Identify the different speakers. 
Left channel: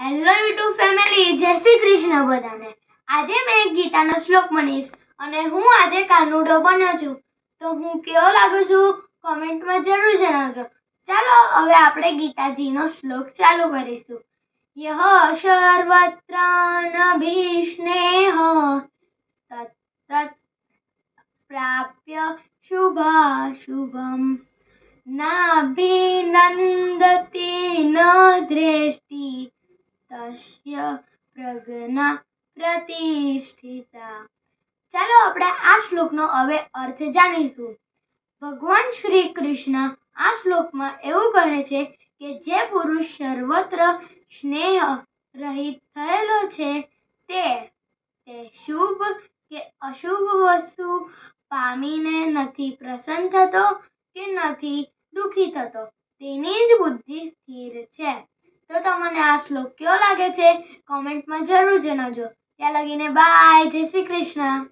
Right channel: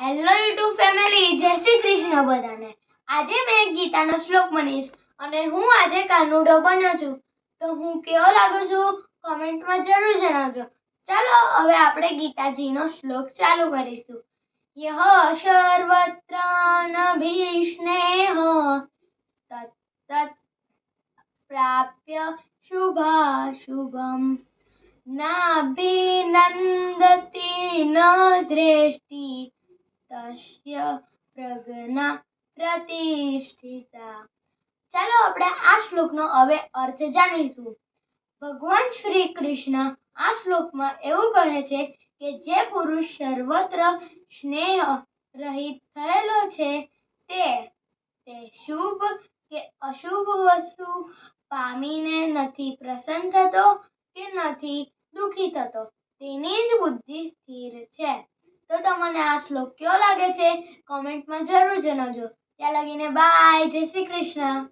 Speaker 1: Hello YouTube family જય શ્રી કૃષ્ણ બધાને. આજે મેં ગીતાનો શ્લોક બનીશ અને હું આજે કાનુડો બન્યો છું. તો હું કેવો લાગુ છું? કોમેન્ટમાં જરૂર જણાવજો. ચાલો, હવે આપણે ગીતાજીનો શ્લોક ચાલુ કરીશું. યહ સર્વત્ર ભીષ્નેહ તત્તત પ્રાપ્ય શુભાશુભમ. નાભિનંદતી ન દ્રેષ્ટિ તસ્ય પ્રજ્ઞા પ્રતિષ્ઠિતા ચાલો આપણે આ શ્લોકનો હવે અર્થ જાણીશું ભગવાન શ્રી કૃષ્ણ આ શ્લોકમાં એવું કહે છે કે જે પુરુષ સર્વત્ર સ્નેહ રહિત થયેલો છે તે તે શુભ કે અશુભ વસ્તુ પામીને નથી પ્રસન્ન થતો કે નથી દુઃખી થતો તેની જ બુદ્ધિ સ્થિર છે તમને આ શ્લોક કેવો લાગે છે? કોમેન્ટમાં જરૂર જણાવજો. ત્યાં લગીને બાય જય શ્રી કૃષ્ણ.